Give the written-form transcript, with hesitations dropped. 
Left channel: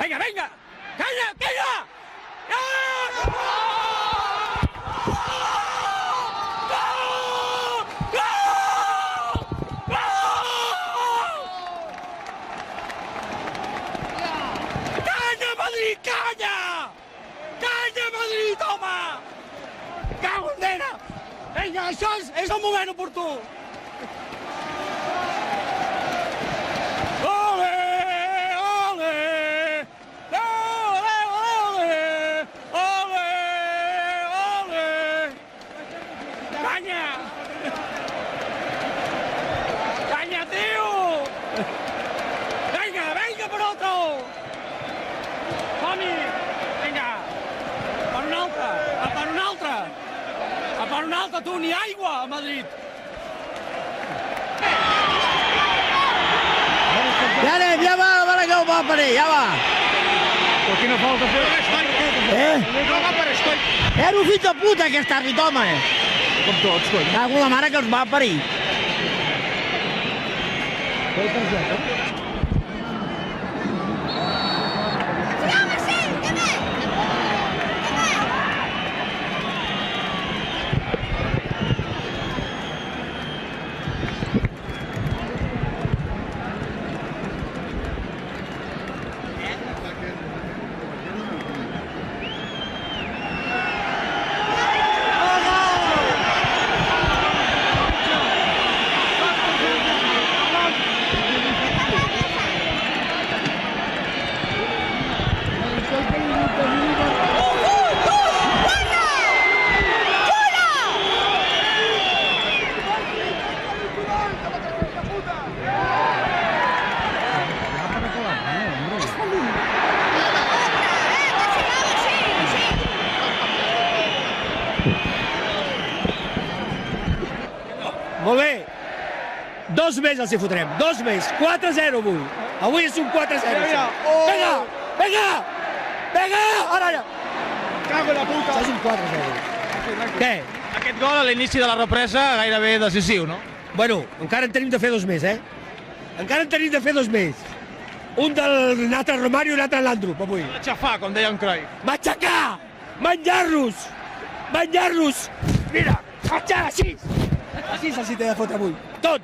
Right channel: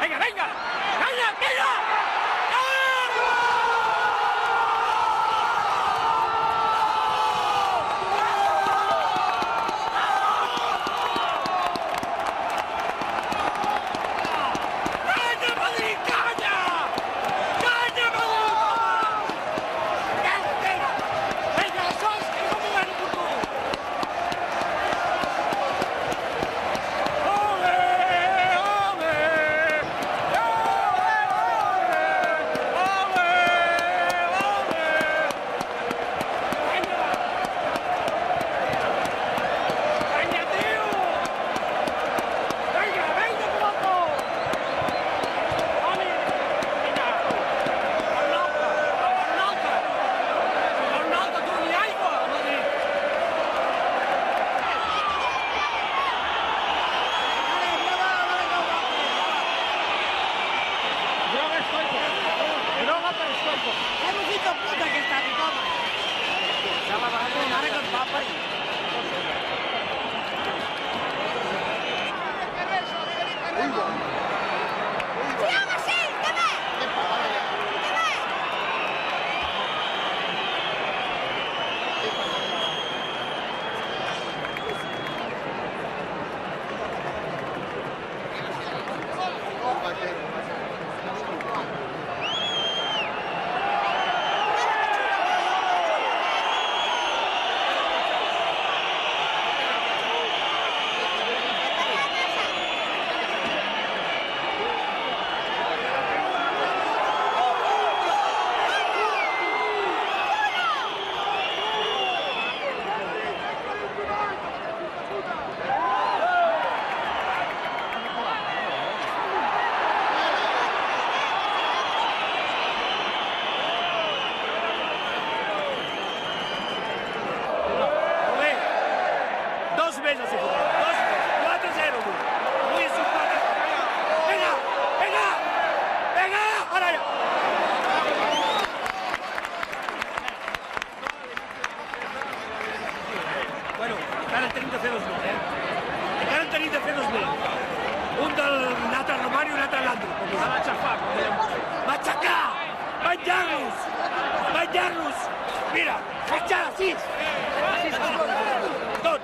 Venga, venga. ¡Calla, calla! ¡Calla, Madrid, calla! ¡Calla, Madrid, toma! ¡Calla! Vinga, això és el moment oportú! Ole! Ole! Ole! Ole! Ole! Ole! Canya! Canya, tio! Vinga, vinga, pronto! Som-hi! Vinga! Per un altre! Per un altre! Per un altre, tu, ni aigua, a Madrid! Ja anem, ja va que ho va per ell, ja va. Però quina falta fer? No va per estoy. Era un fill de puta, aquest àrbit, home. Com tots, tots. Cago la mare que els va parir. Molt bé. 2 més els hi fotrem. 2 més. 4-0 avui. Avui és un 4-0. Vinga! Vinga! Vinga! Ara ja! Cago en la puta. És un 4-0. Què? Aquest gol a l'inici de la represa gairebé decisiu, no? Bueno, encara en tenim de fer 2 més, eh? Encara en tenim de fer 2 més. Un del altre Romario i un altre l'Andro. Va aixafar, com deia un Cruyff. Matxacar! Menjar-los! Menjar-los! Mira, menjar així! Així s'hi té de fotre avui. Tot!